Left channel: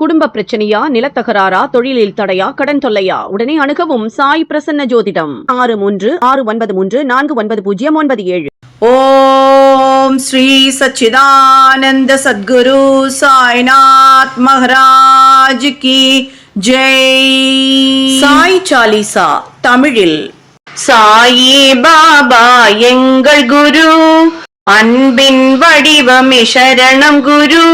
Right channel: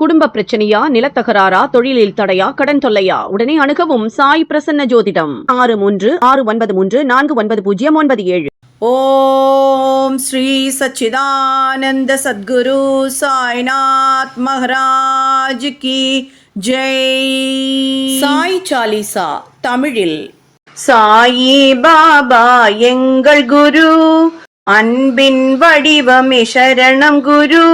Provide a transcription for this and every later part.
குடும்ப பிரச்சனையா நிலத்தகராறா தொழிலில் தடையா கடன் தொல்லையா? உடனே அணுகவும் சாய் பிரசன்ன ஜோதிடம். ஆறு மூன்று ஆறு ஒன்பது மூன்று நான்கு ஒன்பது பூஜ்ஜியம் ஒன்பது ஏழு. ஓம் ஸ்ரீ சச்சிதானந்த சத்குரு சாய்நாத் மகராஜ் கி ஜெய். சாய் சாலிசா தமிழில் சாயி பாபா எங்கள் குரு அன்பின் வடிவமே சரணம் குரு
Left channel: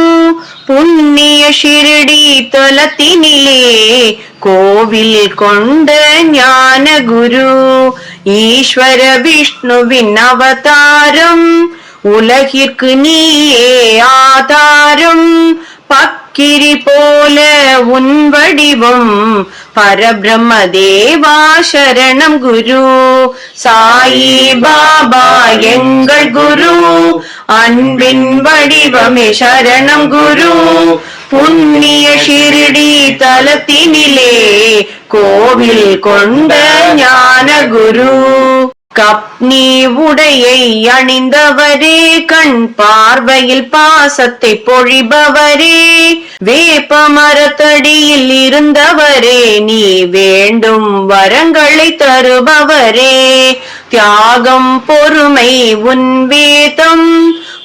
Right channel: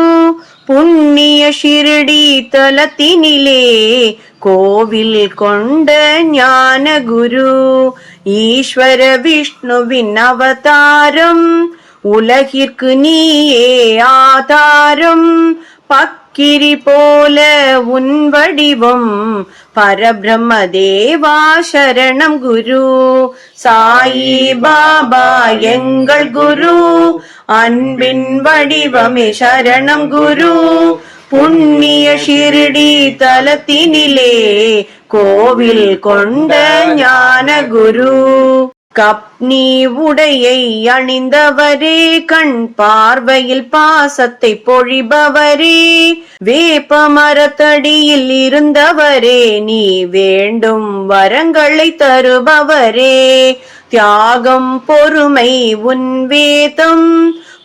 புண்ணிய ஷிரடி தலத்தினிலே கோவில் கொண்ட ஞான குரு ஈஸ்வர விஷ்ணுவின் அவதாரம் உலகிற்கு நீயே ஆதாரம் பக்கிரி போல உன் வடிவம் பரபிரம்ம தேவா சரணம் குரு சாயி பாபா எங்கள் குரு அன்பின் வடிவமே சரணம் குரு புண்ணிய ஷிரடி தலத்தினிலே கோவில் கொண்ட ஞான குரு கப்னி உடையை அணிந்தவரே கண் பார்வையில் பாசத்தை பொழிபவரே வேப்ப மரத்தடியில் இருந்தவரே நீ வேண்டும் வரங்களை தருபவரே. தியாகம் பொறுமை உன் வேதம்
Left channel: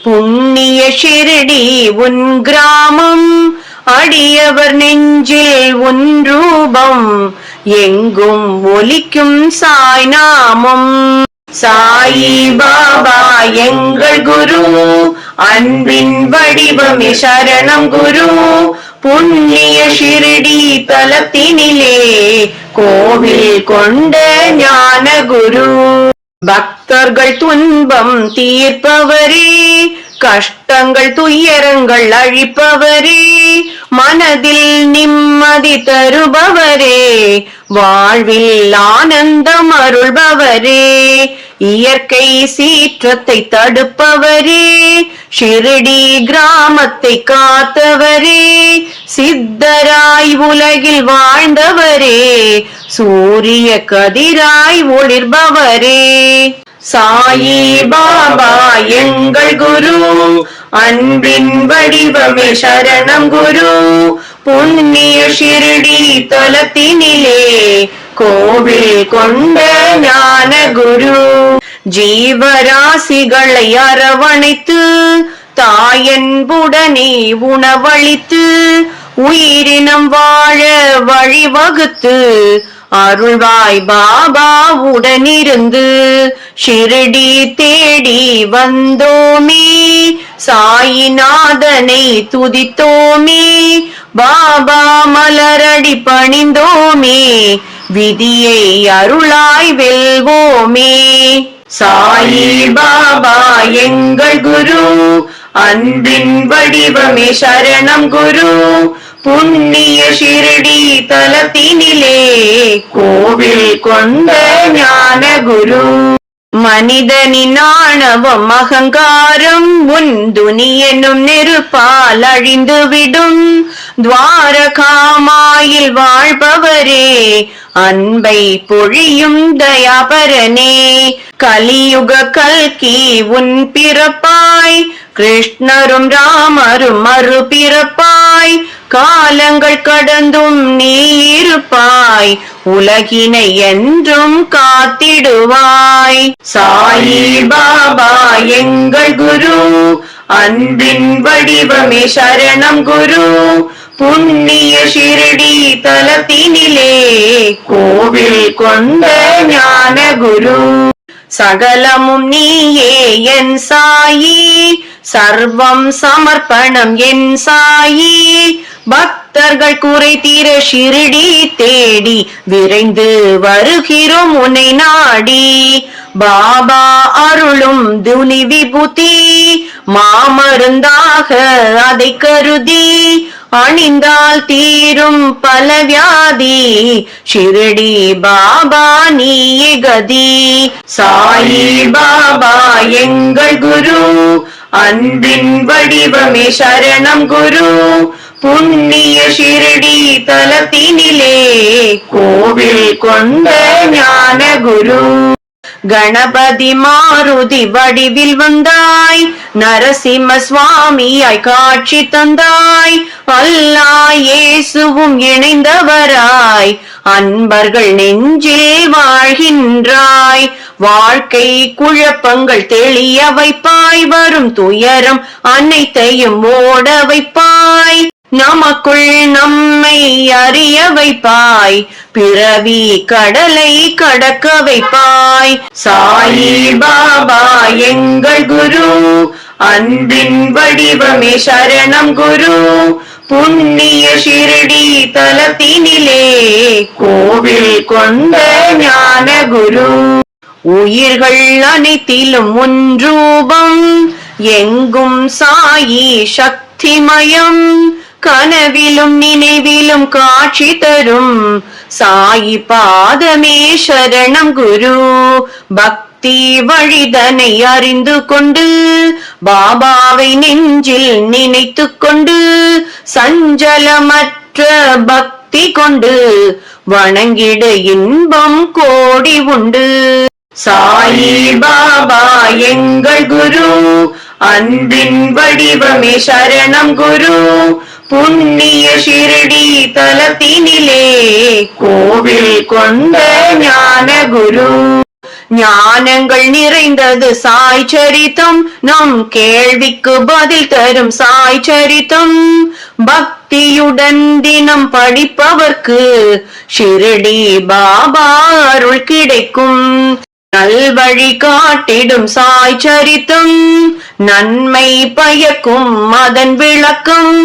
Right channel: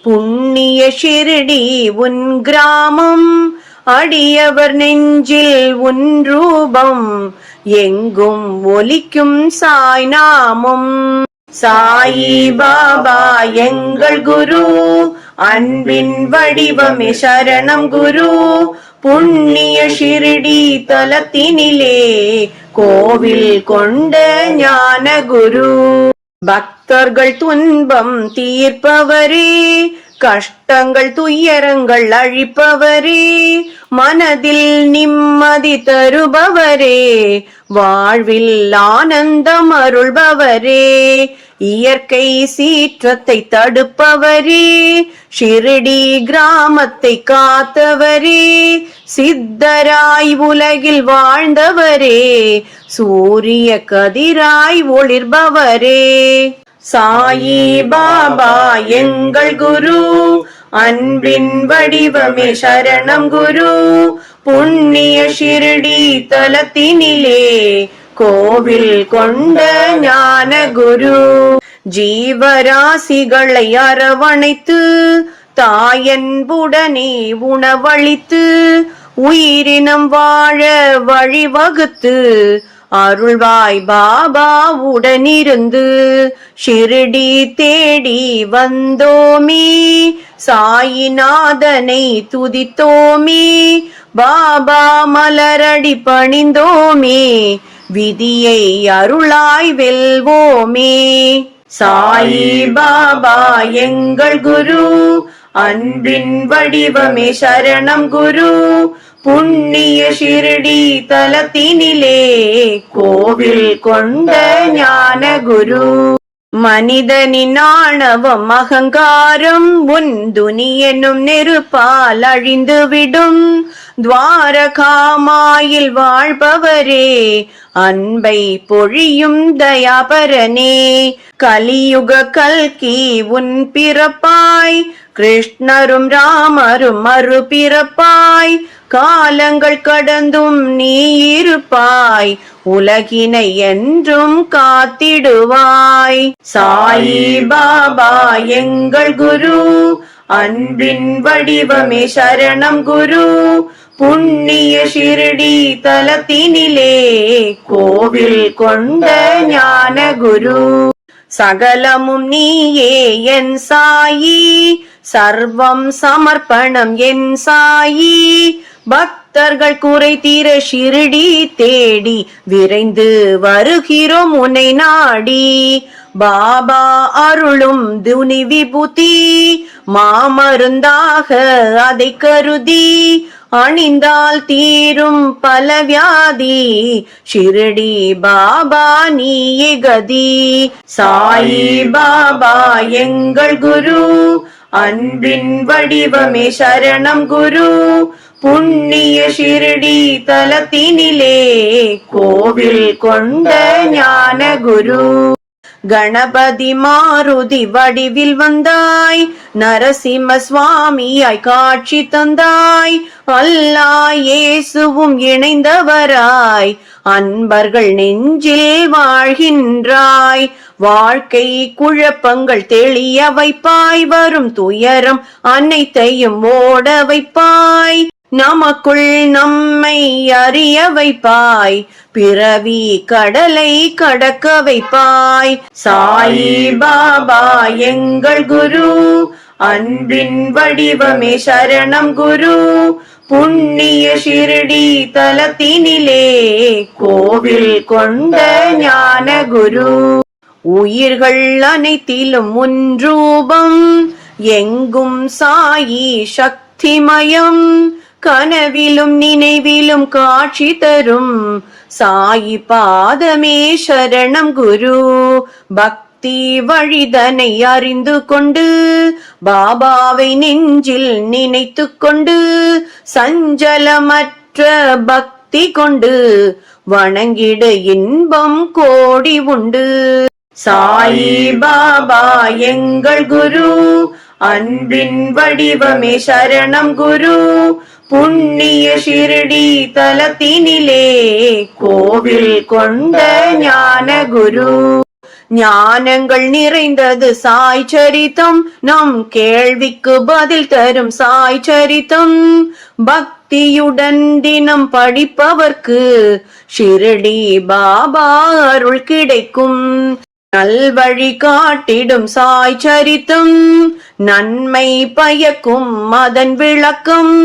புண்ணிய ஷிரடி உன் கிராமம் அடியவர் நெஞ்சில் உன் ரூபம் எங்கும் ஒலிக்கும் சாய் நாமம். சாயி பாபா எங்கள் குரு. அன்பின் வடிவமே சரணம் குரு. புண்ணிய ஷிரடி தலத்தினிலே கோவில் கொண்ட ஞான குரு பக்தர்கள் துன்பம் தீர்ப்பவரே. கஷ்டங்கள் துயரங்கள் அழிப்பவரே மனதில் நிம்மதி தருபவரே வாழ்வில் ஆனந்தம் அருள்பவரே இயற்கை சீற்றத்தை தடுப்பவரே ஷிரடி கிராமத்தை காத்தவரே சித்தராய் உலகில் வாழ்ந்தவரே சூரிய கதிராய் ஒளிர்பவரே. சாயி பாபா எங்கள் குரு. அன்பின் வடிவமே சரணம் குரு. புண்ணிய ஷிரடி தலத்தினிலே கோவில் கொண்ட ஞான குரு. ஜீவராசிகளை அரவணைத்து தாயன்புடனே உணவளித்து உயிரினம் வாழ வழிவகுத்து அருள்வாய் பாபா உடனிருந்து ஷிரடி தேடி வந்தோமே. சாயிநாதனை துதித்தோமே. பாபா மலரடி பணிந்தோமே. விதியை அருளாய் வெல்வோமே. சாயி பாபா எங்கள் குரு. அன்பின் வடிவமே சரணம் குரு. புண்ணிய ஷிரடி தலத்தினிலே கோவில் கொண்ட ஞான குரு மனிதனின் ஆணவம் அகங்காரம் உன் துனி நெருப்பால் அழிந்துவிடும். துவாரகாமாயில் வாழ்பவரே அன்பை பொழியும் தயாபரனே. கலியுக கல்கி உன் பிறப்பாய் கிருஷ்ணரும் ராமரும் மறுபிறப்பாய் காலங்கள் கடந்தும் நீ இருப்பாய். உலகினை என்றும் காத்திடுவாய். சாயி பாபா எங்கள் குரு. அன்பின் வடிவமே சரணம் குரு. புண்ணிய ஷிரடி தலத்தினிலே கோவில் கொண்ட ஞான குரு. சகலமும் நீயே என் சாயி. சர்வம் சமர்ப்பணம் என் சாயி. பக்தர்கள் குறை தீர ஷிரடி தேடி விரைந்து வருகிறோம் உன்னை நாடி. பாபா அருளும் துனி விபூதி மாமருந்தாக அதை கருதி அணிந்தால் தீரும் பல வியாதி. ஷிரடி பாபா நீயே கதி. சாயி பாபா எங்கள் குரு அன்பின் வடிவமே சரணம் குரு. புண்ணிய ஷிரடி தலத்தினிலே கோவில் கொண்ட ஞான குரு கணபதி மாருதி வடிவில் வந்தாய். நரசிம்ம சுவாமியாய் காட்சி தந்தாய். அல்லா இயேசுவும் இணைந்தவராய். அன்பர்கள் நெஞ்சில் வாழ்கின்றாய். வாழ்க்கை குழப்பங்கள் தெளிய வைப்பாய். வரும் துயரம் அனைத்தையும் ஓட வைப்பாய். நமக்குள் நம்மை அறிய வைப்பாய். பிறவி கடலை கடக்க வைப்பாய். சாயி பாபா எங்கள் குரு. அன்பின் வடிவமே சரணம் குரு. புண்ணிய ஷிரடி தலத்தினிலே கோவில் கொண்ட ஞான குரு. உயிர்கள் அனைத்திலும் ஒன்றூபம் எங்கும் சாயி சக்திமயம். கனவிலும் நினைவிலும் காட்சி தரும் சாயி பாதமே சரணம் குரு. பக்தி வழிதனை அறிந்து கொண்டு பாபாவை நெஞ்சில் நினைத்து கொண்டு சஞ்சலமற்ற பக்தி கொண்டு வணங்கிட இன்பம் கோடி உண்டு. சாயி பாபா எங்கள் குரு அன்பின் வடிவமே சரணம் குரு. புண்ணிய ஷிரடி தலத்தினிலே கோவில் கொண்ட ஞான குரு. ஞானங்கள் நிறைந்தது சாய் சரித்தம். நம் கேள்விக்கு பதில் தரும் சாய் சரித்தம். பக்தியுடன் தினம் படிப்பவர்க்கு ஷிரடி பாபா அருள் கிடைக்கும். நல்வழி காட்டிடும் சாய் சரித்தும் நன்மை பயக்கும் அதன் விளக்கம்.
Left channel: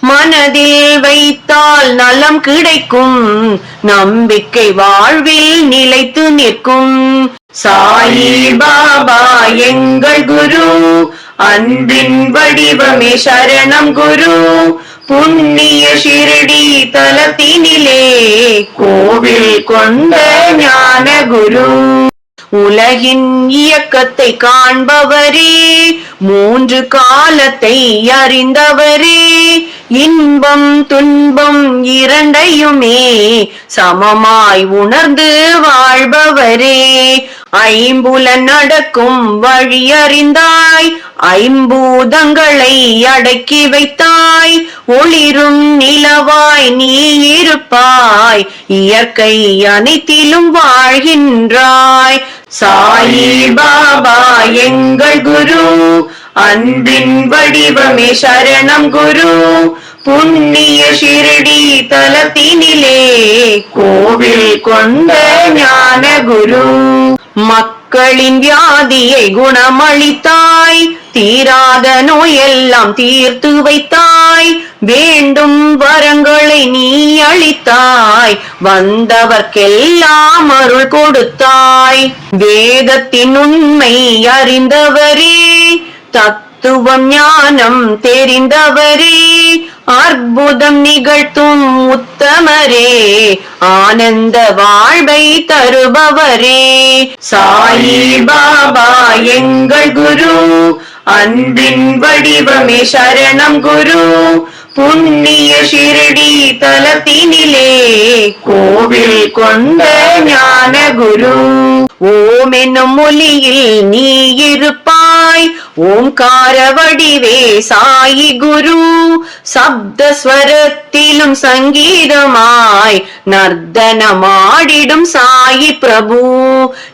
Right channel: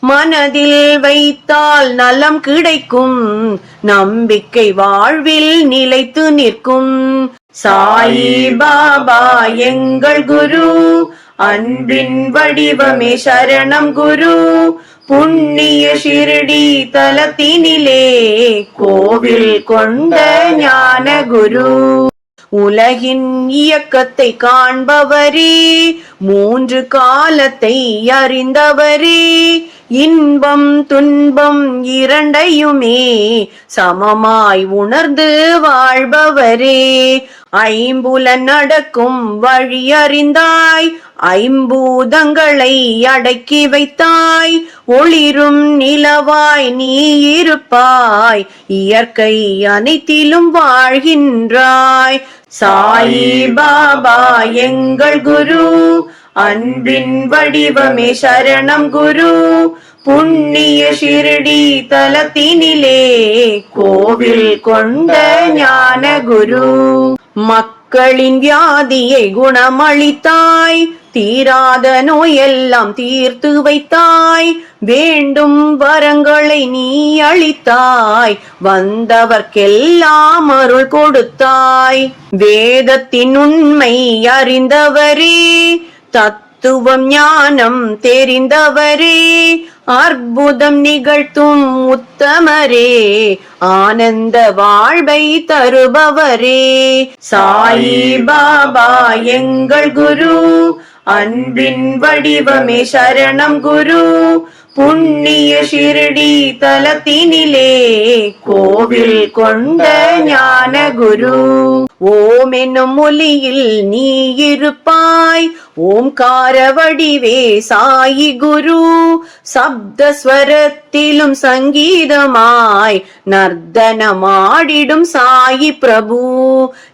மனதில் வைத்தால் நலம் கிடைக்கும் நம்பிக்கை வாழ்வில் நிலைத்து நிற்கும். சாயி பாபா எங்கள் குரு அன்பின் வடிவமே சரணம் குரு. புண்ணிய ஷிரடி தலத்தினிலே கோவில் கொண்ட ஞான குரு உலகின் இயக்கத்தை காண்பவரே மூன்று காலத்தை அறிந்தவரே இன்பம் துன்பம் இரண்டையுமே சமமாய் உணர்ந்து வாழ்பவரே. ஐம்புலன் நடக்கும் வழியறிந்தாய் ஐம்பூதங்களை அடக்கி வைத்தாய். ஒளிரும் நிலவாய் நீ இருப்பாய் இயற்கை அனைத்திலும் வாழ்கின்றாய். சாயி பாபா எங்கள் குரு அன்பின் வடிவமே சரணம் குரு. புண்ணிய ஷிரடி தலத்தினிலே கோவில் கொண்ட ஞான குரு. மக்களின் வியாதியை குணமளித்தாய். தீராத நோயெல்லாம் தீர்த்து வைத்தாய். வேண்டும் வரங்களை நீ அளித்தாய். வந்தவர்க்கெல்லாம் அருள் கொடுத்தாய். வேதத்தின் உண்மை அறிந்தவரே. தத்துவம் ஞானம் தெரிந்தவரே அற்புதம் நிகழ்த்தும் உத்தமரே ஆனந்த வாழ்வை தருபவரே. சாயி பாபா எங்கள் குரு அன்பின் வடிவமே சரணம் குரு புண்ணிய ஷிரடி தலத்தினிலே கோவில் கொண்ட ஞான குரு ஓம் என்னும் மொழியில் நீ இருப்பாய். ஓம்கார வடிவே சாயி குரு. சப்த ஸ்வரத்திலும் சங்கீதமாய் நர்த்தனமாடிடும் சாயி பிரபு.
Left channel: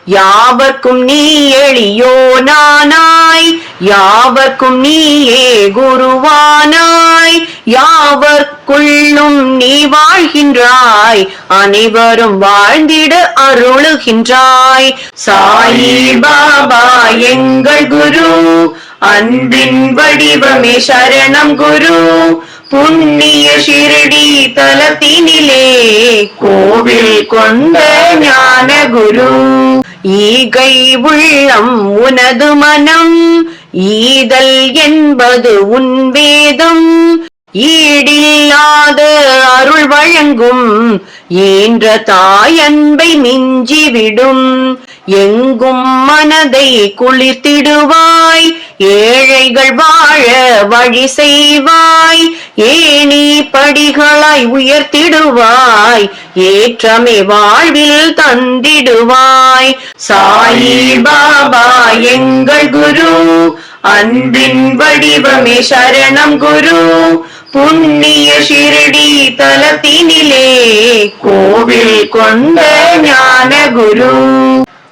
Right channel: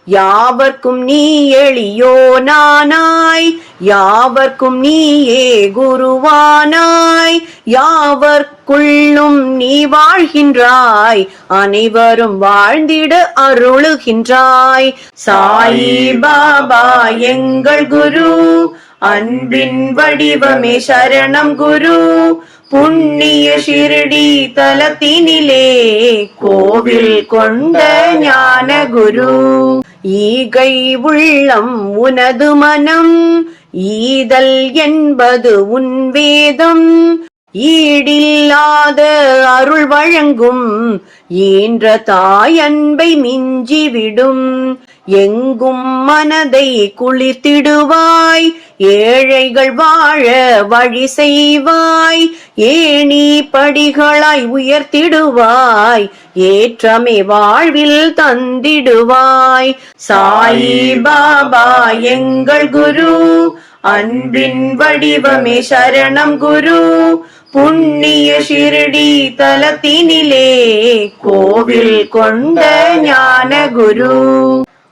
யாவர்க்கும் நீ எளியோ நானாய். யாவர்க்கும் நீயே குருவானாய். யாவர்க்குள்ளும் நீ வாழ்கின்றாய். அனைவரும் வாழ்ந்திட அருளுகின்றாய். சாயி பாபா எங்கள் குரு. அன்பின் வடிவமே சரணம் குரு. புண்ணிய ஷிரடி தலத்தினிலே கோவில் கொண்ட ஞான குரு. ஈகை உள்ளம் உனது மனம். ஈதல் என்பது உன் வேதம். ஈடில்லாத அருள் வழங்கும். ஈன்ற தாயன்பை மிஞ்சிவிடும். எங்கும் மனதை குளிர்த்திடுவாய் ஏழைகள் வாழ வழி செய்வாய் ஏனி படிகளாய் உயர்த்திடுவாய் ஏற்றமே வாழ்வில் தந்திடுவாய். சாயி பாபா எங்கள் குரு அன்பின் வடிவமே சரணம் குரு புண்ணிய ஷிரடி தலத்தினிலே கோவில் கொண்ட ஞான குரு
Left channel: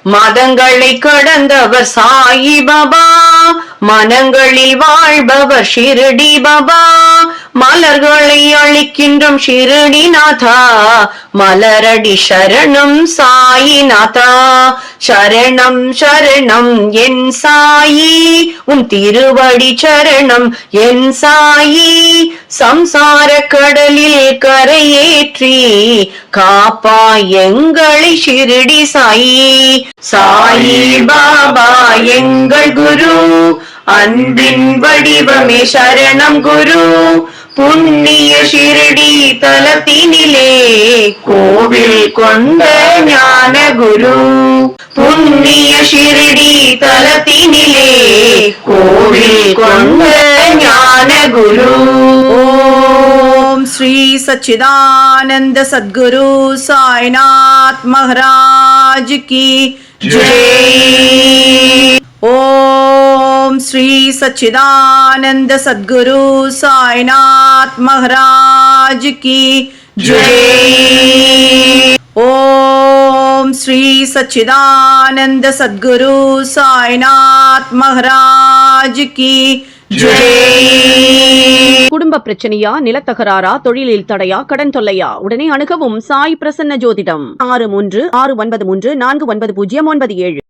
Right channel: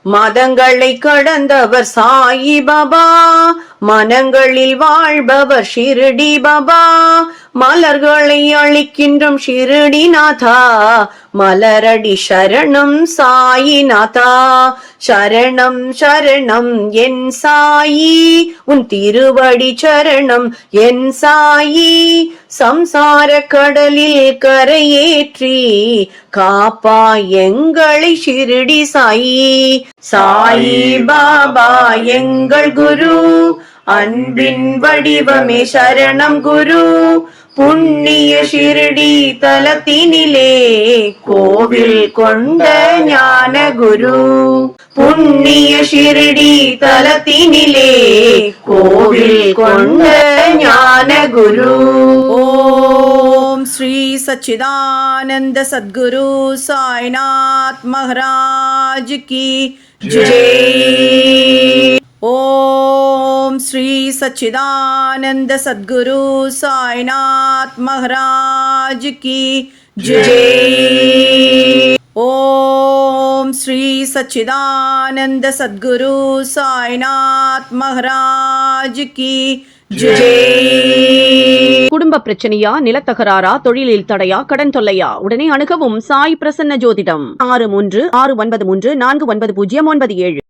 மதங்களை கடந்தவர் சாயி பாபா மனங்களில் வாழ்பவர் ஷிரடி பாபா மலர்களை அழிக்கின்றும் ஷிரடி நாதா மலரடி சரணம் சாயி நாதா சரணம் சரணம் என் சாயி. உன் திருவடி சரணம் என் சாயி. சம்சார கடலில் கரையேற்றி காப்பா எங்களை ஷிரடி சாயி. சாயி பாபா எங்கள் குரு. அன்பின் வடிவமே சரணம் குரு. പുണ്യ ശിരടി തലത്തിനിലേ കോവിൽ കൊണ്ട ജ്ഞാന ഗുരു പുണ്യ ശിരടി തലത്തിനിലേ കോവിൽ കൊണ്ട ജ്ഞാനഗുരു. ഓം ശ്രീ സച്ചിദാനന്ദ സദ്ഗുരു സായിനാഥ് മഹാരാജ് കി ജയ. ஓம் ஸ்ரீ சச்சிதானந்த சத்குரு சாய்நாத் மகராஜ் கி ஜெய். ஓம் ஸ்ரீ சச்சிதானந்த சத்குரு சாய்நாத் மகராஜ் கி குடும்ப பிரச்சனையா நிலத்தகராறா தொழிலில் தடையா கடன் தொல்லையா? உடனே அணுகவும் சாய் பிரசன்ன ஜோதிடம். ஆறு மூன்று ஆறு ஒன்பது மூன்று நான்கு ஒன்பது பூஜ்ஜியம் ஒன்பது ஏழு.